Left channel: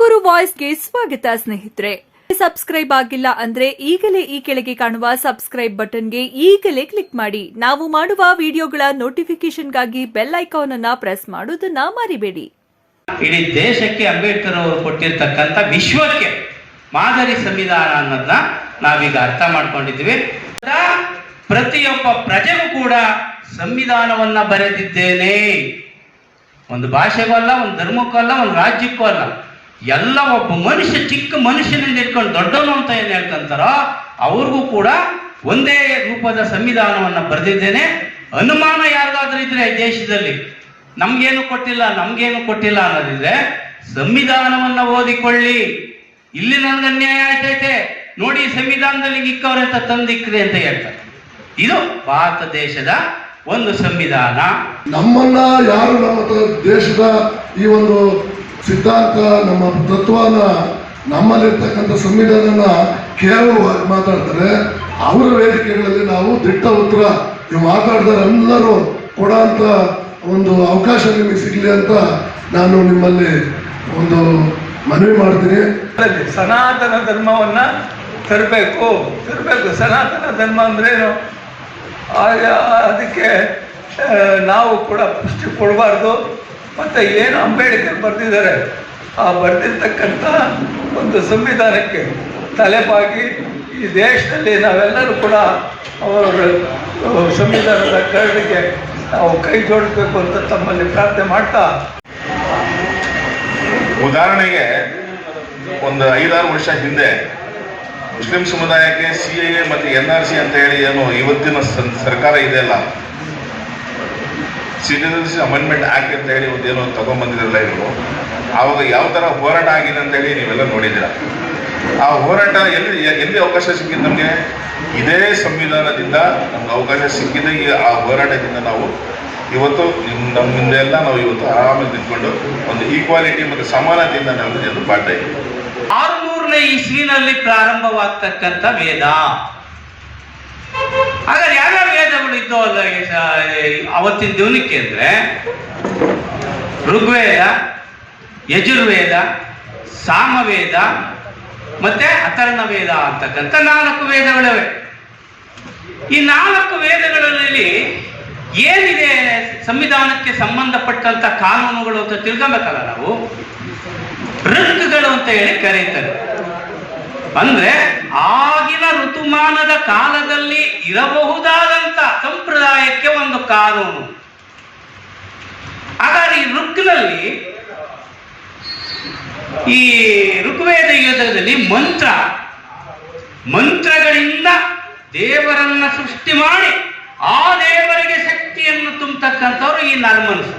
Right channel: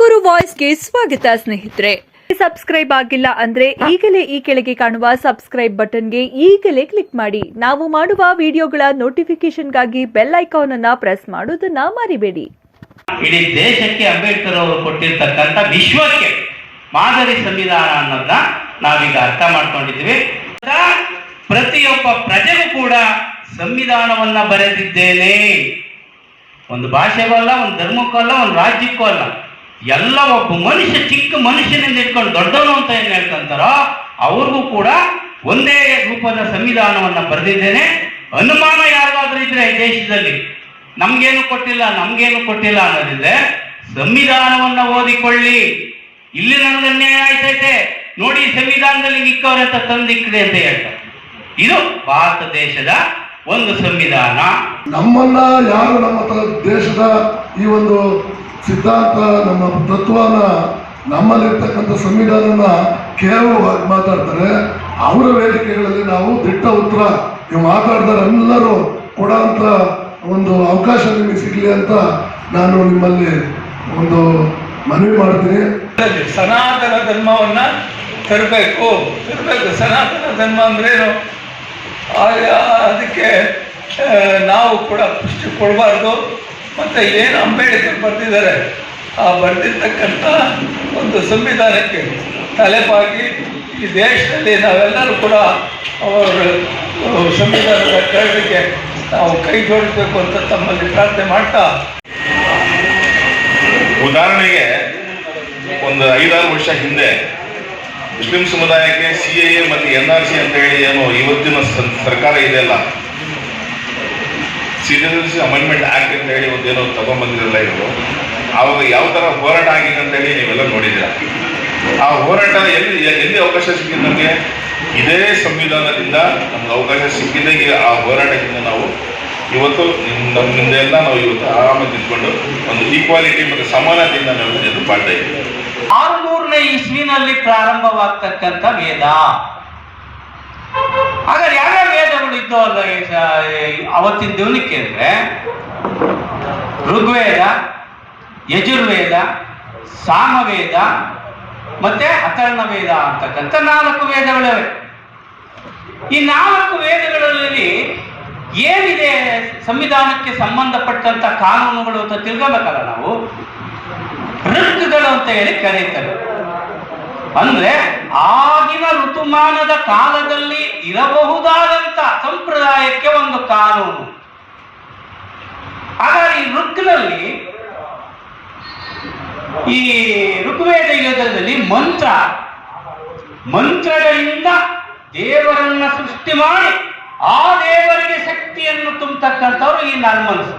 ತುಮಕೂರು ವಾಯ್ಸ್ಗೆ ಸ್ವಾಗತ ಸ್ನೇಹಿತರೆ. ಸಬ್ಸ್ಕ್ರೈಬ್ ಆಗಿಲ್ಲ ಅಂದ್ರೆ ಈಗಲೇ ಈ ಕೆಳಗೆ ಕಾಣುವ ಸಬ್ಸ್ಕ್ರೈಬ್ ಬಟನ್ಗೆ ಈಗಲೇ ಕ್ಲಿಕ್ ಮಾಡಿ. ನಾವು ಮಾಡುವ ವಿಡಿಯೋಗಳ ನೋಟಿಫಿಕೇಶನ್ಗಾಗಿ ಬೆಲ್ ಐಕಾನ್ ಅನ್ನ ಪ್ರೆಸ್ ಮಾಡೋದನ್ನ ಮರಿಬೇಡಿ. ಇಡೀ ದೇಶಕ್ಕೆ ಅಂಬೇಡ್ಕರ್ ಅವರು ಕೊಟ್ಟಿರ್ತಕ್ಕಂಥ ವಿಶ್ವಕ್ಕೆ ಮಾದರಿ ಸಂವಿಧಾನ ಅನ್ನೋದನ್ನ ನಾವೀಗ ಅರ್ಥ ಮಾಡ್ಕೊಂಡಿದ್ದೀವಿ. ಪ್ರತಿಯೊಬ್ಬ ಪ್ರಜೆಗೂ ಕೂಡ ಸಂವಿಧಾನವನ್ನ ಬರೆದಿದ್ದೇನೆ. ಒಂದು ಭಾಷೆಗೂ ಅಲ್ಲ, ಒಂದು ಧರ್ಮಕ್ಕೂ ಅಲ್ಲ, ಒಂದು ರಾಜ್ಯಕ್ಕೂ ಅಲ್ಲ. ಎಲ್ಲ ಒಬ್ಬ ಮನುಷ್ಯ, ಚಿಕ್ಕ ಮನುಷ್ಯನಿಂದ ಇಟ್ಕೊಂಡು ದೊಡ್ಡವನು ಅಂತ ಏನು ಹೇಳ್ತಂತಾರೋ, ಅವ್ರಿಗೂ ಕೂಡ ಒಂದೇ ರೂಪದ ಸಂವಿಧಾನವನ್ನ ಬರೆದಿದ್ದೇನೆ. ಅನುಮಾನ ಯಾರಿಗಾದ್ರೂ ಇದ್ರೆ ಈ ದೇಶದಲ್ಲಿ, ನಮ್ಗೇನು ಕೊಟ್ಟಿಲ್ಲ ನಮ್ಗೇನು ಕೊಟ್ಟಿಲ್ಲ ಅನ್ನೋದಿದ್ರೆ ಸಂವಿಧಾನವನ್ನ ಓದಿಕೊಳ್ಳಿ. ಇಲ್ಲಿ ನನ್ಗೆ ಅನ್ಯಾಯ ಆಯ್ತೈತೆ. ನೋಡಿ, ಸಂವಿಧಾನದಲ್ಲಿ ಇಕ್ಕವ್ರೆ ಅಂತ ತಂದಿಕ್ಕಿದೆ ಅಂತ ಹೇಳ್ತಾರೆ. ಇದು ಭಾರತ ದೇಶದ ಒಂದು ಸಂವಿಧಾನ. ನಮ್ಮನ್ನ ಯಾರು ನಮ್ಮ ದೇಶದ ಈ ಒಂದು ಸಿದ್ಧಾಂತ, ನಮ್ಮ ತತ್ವನ, ನಮ್ಮಲ್ಲಿರ್ತಕ್ಕಂಥ ಸಂವಿಧಾನನ ಕೇವಲವಾಗಿ ಮಾತಾಡ್ತಾರೆ. ಅವರ ವೇದಿಕೆಗಳಲ್ಲಿ ನಾವು ದಿಟ್ಟ ಉತ್ತರ, ನೀವು ಮಾತಾಡಿದರೆ ಎಲ್ಲರೂ ಕೊಡೋಂಥ ಒಂದು ಅವಕಾಶ ನಿಮಗೆ ಸಿಗಲಿ ಅಂತ ನಾನು ನಿಮ್ಮಲ್ಲಿ ಒಂದು ಮನವಿ ಮಾಡ್ತೀನಿ. ಸನಾತನ ಧರ್ಮವನ್ನ ತರಬೇಕು. ತರಬೇಕು. ಸನಾತನ ಧರ್ಮ ಅಂದ್ರೇನು? ಅದಕ್ಕೆ ನಾವು ಕೂಡ ಪುಷ್ಟಿ ಕೊಡಬಾರ್ದು. ಮತ್ತು ಏನು ಅಂಬೇಡ್ಕರ್ ಬರೆದಿದ್ದಾರೆ? ಆ ಬರೆದಿರ್ತಕ್ಕಂಥ ಒಂದು ಸಂವಿಧಾನಕ್ಕೆ ತಲೆಪಾಗಿ ಈ ದೇಶದಲ್ಲಿ ನಾವೆಲ್ಲರೂ ಕೂಡ ಅವರ ಸಂವಿಧಾನದ ಕರಡಿಗೆ ನಾವು ಕೈ ಜೋಡಿಸಬೇಕು ಅಂತ ತಮ್ಮಲ್ಲಿ ಪ್ರಾರ್ಥನೆ ಮಾಡ್ತಾ. ಉದಾಹರಣೆಗೆ ಒಂದು ಐದಾರು ವರ್ಷ ಹಿಂದೆ ಮುಸ್ಲಿಂ ಸಮುದಾಯಕ್ಕೆ ಸಿ ಎ ಮತ್ತು ಎನ್ ಆರ್ ಸಿ ಅಂತ ಹೇಳಿ ಏನು ಇವತ್ತಿನ ಸರ್- ಸರ್ಕಾರ ಇದೆಯಲ್ಲ ಸಿಟಿಸನ್ಸ್ ಅಮೆಂಡ್ಮೆಂಟ್ ಆಕ್ಟ್ ಅಂತ ಹೇಳಿ ಒಂದೇನೋ ತಗೊಂಡ್ಬಂದಿರಲ್ಲ ಇವರು. ಆವಾಗ ಯಾವ ಥರ ಹೋರಾಟ ಆಗಿದೆ ಅಂತ ಹೇಳಿ ನೀವೆಲ್ಲ ನೋಡಿದ್ದೀರ? ಆ ಹೋರಾಟ ಎಲ್ಲಿ ಎಲ್ಲಿ ಅವಕಾಶ ಸಿಕ್ಕಿದ್ದು ನಮಗೆ? ಇದೇ ಸಂವಿಧಾನದಿಂದ ನಮ್ಗೆ ಅವಕಾಶ ಸಿಕ್ಕಿದೆ. ಈ ಆ ಹೋರಾಟದಿಂದ ನಾವು ಇವತ್ತು ನಿಮ್ ನಮ್ಮ ಮುಂದೆ ಎಲ್ಲ ನಾವು ಇವತ್ತು ಆರಾಮಾಗಿ ನಿಂತ್ಕೊಂಡು ಒಂದು ಈಕ್ವಾಲಿಟಿ ಮತ್ತು ಸಮಾನತೆಯಿಂದ ನಾವು ಎದುರು ಮಾಡ್ತಾ ಇದ್ದೀವಿ ಆರುನೂರನೇ ಇಸ್ವಿನಲ್ಲಿ ಪ್ರಾರಂಭವಾಗ್ತಕ್ಕಂಥ ವೇದ. ಹಾಗಾದ್ರೆ ಯಾವ್ಯಾವ ವೇದಗಳು ಇದ್ದೋ ಅಲ್ಲ ಅವತ್ತಿನ ದಿವನಕ್ಕೆ ಅಂದ್ರೆ ಋಗ್ವೇದ, ಯಜುರ್ವೇದ, ಸಾಮವೇದ ಮತ್ತೆ ಅಥರ್ಣ ವೇದ ಅಂತಕ್ಕಂಥ ನಾಲ್ಕು ವೇದಗಳಿವೆ. ಈ ನಾಲ್ಕು ವೇದಗಳಲ್ಲಿ ಏನಿದೆ ಸಂವಿಧಾನಕ್ಕೆ ಸಂಬಂಧಪಟ್ಟಂತ ಕಾನೂನುಗಳು ಅಂತ ತಿಳ್ಕೊಬೇಕಲ್ಲ ನಾವು? ಋಕ್ಕುಗಳು ಅಂತ ಹೇಳಿ ಕರೀತಾರೆ ಅಂದ್ರೆ ಆಗಿನ ಋತುಮಾನದ ಕಾಲದಲ್ಲಿ ಇರಬಹುದಾದಂತ ಸಂಪ್ರದಾಯಕ್ಕೆ ಒಂದು ಕಾನೂನು. ಹಾಗಾದ್ರೆ ಈ ಋಕ್ನಲ್ಲಿ ಈ ಋಗ್ವೇದ ಯೋಧದಲ್ಲಿ ಮಂತ್ರ, ಮಂತ್ರಗಳಿಂದ ದೇವರನ್ನ ಸೃಷ್ಟಿ ಮಾಡಿ ಆ ದೇವರಿಗೆ ಶಕ್ತಿಯನ್ನು ತುಂಬತಕ್ಕಂಥವ್ರು ಈ ನರ್ಮನಸು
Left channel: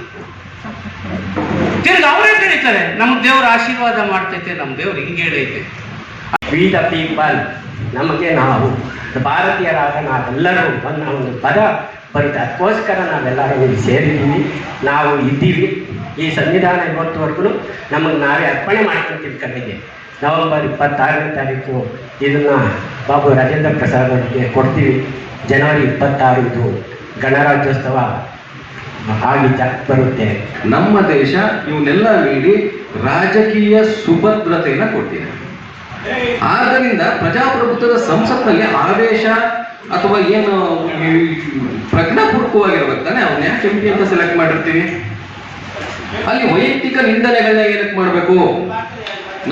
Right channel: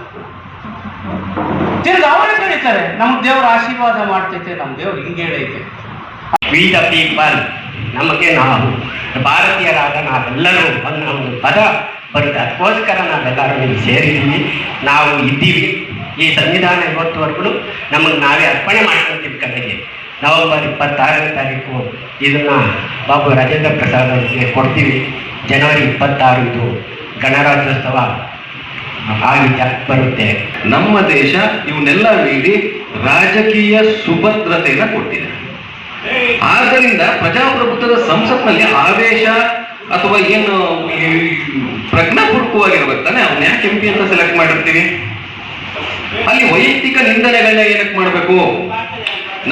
ತಿರ್ಗಿ ಅವರೇ ಕರೀತಾರೆ ನಮ್ ದೇವರು ಆಶೀರ್ವಾದ ಮಾಡ್ತೈತೆ ನಮ್ಮ ದೇವ್ರು ಹಿಂಗೆ ಹೇಳೈತೆ ವಿ ದ ಪೀಪಲ್ ನಮಗೆ ನಾವು ಭಾರತೀಯರಾದ ನಾವೆಲ್ಲರೂ ಬಂದ ಒಂದು ಪದ ಬರುತ್ತೆ ಅದಕ್ಕೋಸ್ಕರ ನಾವೆಲ್ಲರೂ ಇಲ್ಲಿ ಸೇರಿದ್ದೀವಿ. ನಾವು ಇದ್ದೀವಿ. ಈ ಸಂವಿಧಾನ ಇವತ್ತುವರೆಗೂ ನಮಗೆ ನಾವೇ ಅರ್ಪಣೆ ಮಾಡ್ಕೊತೀವಿ ಕಡೆಗೆ ನವೆಂಬರ್ ಇಪ್ಪತ್ತಾರನೇ ತಾರೀಕು ಇದನ್ನು ಬಾಬು ರಾಜೇಂದ್ರ ಪ್ರಸಾದ್ ಅವರಿಗೆ ಕೊಡ್ತೀವಿ. ಜನವರಿ ಇಪ್ಪತ್ತಾರು ಇದು ಗಣರಾಜ್ಯೋತ್ಸವ ಆಗಿ ಬರುತ್ತೆ. ನಮ್ಮ ದೇಶ ಇವನ್ನೆಲ್ಲ ನೀಡಿ ರಾಜಕೀಯ ಸುಭದ್ರತೆಯನ್ನು ಕೊಟ್ಟಿದೆ. ಆದ್ದರಿಂದ ಪ್ರಜಾಪ್ರಭುತ್ವದ ಸಂಸತ್ನಲ್ಲಿ ಆವೇಶ ಅಥವಾ ಏನು ಪ್ರಜ್ಞಾಪೂರ್ವಕವಾಗಿರ್ಬೇಕು ತಾನೆ ಅವ್ನ ಯಾಕೆ ಎಂ ಪಿ ಅಂತ ಸೆಲೆಕ್ಟ್ ಮಾಡಿರ್ತೀವಿ? ಅಲ್ಲಿ ವೈಯಕ್ತಿಕ ನಿಂದನೆಗಳನ್ನ ಏನಕ್ಕೆ ಮಾಡಬೇಕು?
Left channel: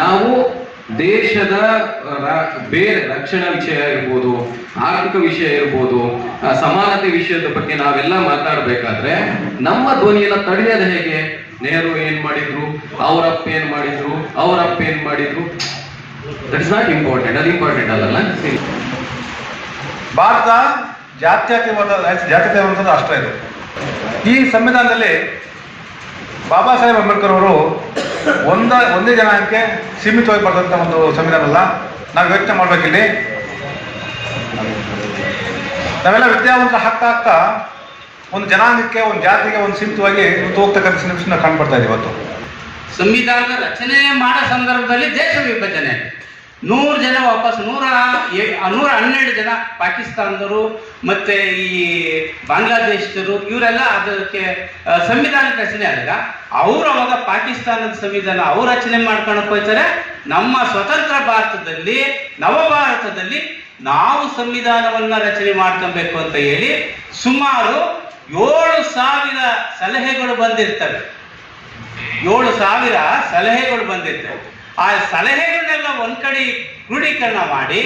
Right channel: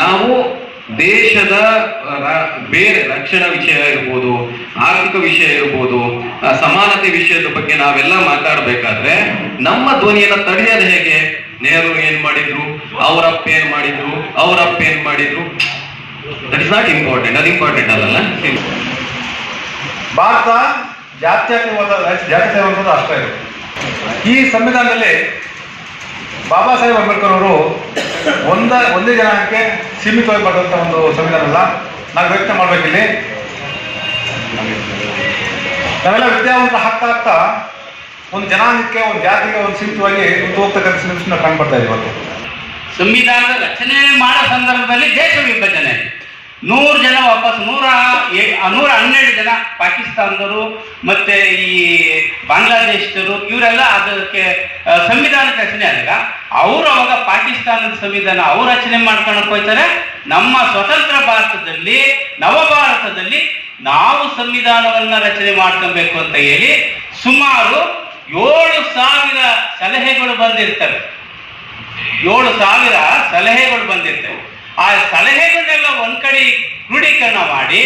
ನಾವು ದೇಶದ ಬೇರೆ ರಕ್ಷಣಾ ವಿಷಯ ಇರ್ಬೋದು, ಆರ್ಥಿಕ ವಿಷಯ ಇರ್ಬೋದು ಸಮಾನತೆ ವಿಷಯದ ಬಗ್ಗೆ ನಾವೆಲ್ಲ ಮಾತಾಡಬೇಕಾದ್ರೆ, ನಮ್ಮ ಧ್ವನಿಯನ್ನ ತಡೆಯೋದು ಹೇಗೆ? ನೆಹರು ಏನ್ ಮಾಡಿದ್ರು? ಅವರಪ್ಪ ಏನ್ ಮಾಡಿದ್ರು? ಅವರಪ್ಪ ಏನ್ ಮಾಡಿದ್ರು? ದಟ್ ಇಸ್ ನಾಟ್ ಇಂಪಾರ್ಟೆಂಟ್ ಅದು ಇಂಪಾರ್ಟೆಂಟ್ ಅಲ್ಲಲ್ಲ ಭಾರತ ಜಾತ್ಯಾತೀತವಾದ ಜಾತ್ಯತೀತವಾದ ರಾಷ್ಟ್ರ ಇದು. ಈ ಸಂವಿಧಾನದಲ್ಲಿ ಬಾಬಾ ಸಾಹೇಬ್ ಅಂಬೇಡ್ಕರ್ ಅವರು ಒಂದ ಒಂದೇ ಜನಾಂಗಕ್ಕೆ ಸೀಮಿತವಾಗಿ ಬರೆದಂಥ ಒಂದು ಸಂವಿಧಾನ ಅಲ್ಲ. ನಾವು ಯೋಚನೆ ಮಾಡ್ಬೇಕಿಲ್ಲಿ ನಾವೆಲ್ಲ ವಿದ್ಯಾವಂತ ಹಾಕ್ತಾ ಹಾಕ್ತಾ ಒಂದು ಜನಾಂಗಕ್ಕೆ ಒಂದು ಜಾತಿಗೆ ಒಂದು ಸೀಮಿತವಾಗಿ ಒಂದು ಹೋಗ್ತಕ್ಕಂಥ ಸನ್ನಿವೇಶನ ಕಾಣ್ಬಿಡ್ತಾ ಇದೆ ಇವತ್ತು. ಸಂವಿಧಾನದ ರಚನೆ ಮಾಡೋ ಸಂದರ್ಭದಲ್ಲಿ ದೇಶ ವಿಭಜನೆ. ನೂರು ಜನ ವಾಪಸ್, ನೂರ ನೂರ ಹನ್ನೆರಡು ಜನ ಪಾಕಿಸ್ತಾನದವರು ಮತ್ತೆ ಈ ಬಾಂಗ್ಲಾದೇಶದವರು, ಇವರೆಲ್ಲ ಅದಕ್ಕೆ ಸಂವಿಧಾನ ರಚನೆ ಆದಾಗ ಅವರು ಅವಾಗ ಪಾಕಿಸ್ತಾನದ ಸಂವಿಧಾನ, ಅವ್ರು ರಚನೆ ಮಾಡ್ಕೊಳಕ್ ಹೋಗ್ತಾರೆ ನಮ್ಮ ಸ್ವತಂತ್ರ ಭಾರತದಲ್ಲಿ ನವ ಭಾರತದಲ್ಲಿ ನಾವು ಸಂವಿಧಾನವನ್ನ ರಚನೆ ಮಾಡ್ಕೊಬೇಕು ಅಂತ ಹೇಳಿ ಸುಮಾರು ಏಳು ಸಾವಿರ ಸಲಹೆಗಳು ಬಂದಿರ್ತವೆ. ಏಳು ಸಾವಿರ ಸಲಹೆಗಳು ಬಂದಿರ್ತವೆ. ಆ ಸಲಹೆಗಳನ್ನೆಲ್ಲ ಒಂದ್ ಕಡೆ ಕ್ರೋಢೀಕರಣ ಮಾಡಿ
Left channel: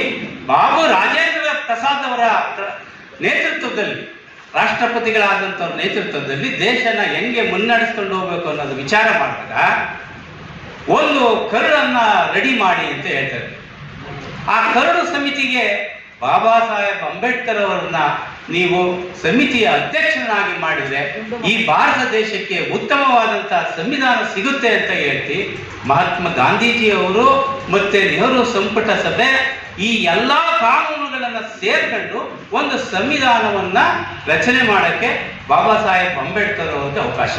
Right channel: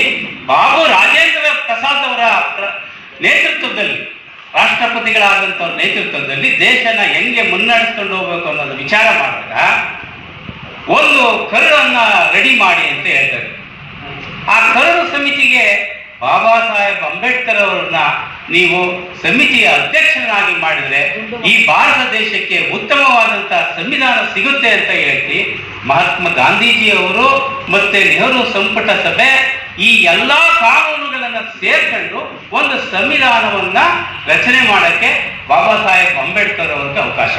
ಬಾಬು ರಾಜೇಂದ್ರ ಪ್ರಸಾದ್ ಅವರ ನೇತೃತ್ವದಲ್ಲಿ ರಾಷ್ಟ್ರಪತಿಗಳಾದಂಥವ್ರ ನೇತೃತ್ವದಲ್ಲಿ ದೇಶನ ಹೆಂಗೆ ಮುನ್ನಡೆಸ್ಕೊಂಡು ಹೋಗ್ಬೇಕು ಅನ್ನೋದು ವಿಚಾರ ಮಾಡಿದಾಗ ಒಂದು ಕರಡನ್ನ ರೆಡಿ ಮಾಡಿ ಅಂತ ಹೇಳ್ತಾರೆ. ಆ ಕರಡು ಸಮಿತಿಗೆ ಬಾಬಾ ಸಾಹೇಬ್ ಅಂಬೇಡ್ಕರ್ ಅವರನ್ನ ನೀವು ಸಮಿತಿಯ ಅಧ್ಯಕ್ಷನಾಗಿ ಮಾಡಿದ್ರೆ ಈ ಭಾರತ ದೇಶಕ್ಕೆ ಉತ್ತಮವಾದಂತಹ ಸಂವಿಧಾನ ಸಿಗುತ್ತೆ ಅಂತ ಹೇಳ್ತಿ ಮಹಾತ್ಮ ಗಾಂಧೀಜಿಯವರು ಮತ್ತೆ ನೆಹರು ಸಂಪುಟ ಸಭೆ ಈ ಎಲ್ಲಾ ಕಾನೂನುಗಳನ್ನ ಸೇರ್ಕೊಂಡು ಒಂದು ಸಂವಿಧಾನವನ್ನ ರಚನೆ ಮಾಡಕ್ಕೆ ಬಾಬಾ ಸಾಹೇಬ್ ಅಂಬೇಡ್ಕರ್ ಅವರಿಗೆ ಅವಕಾಶ.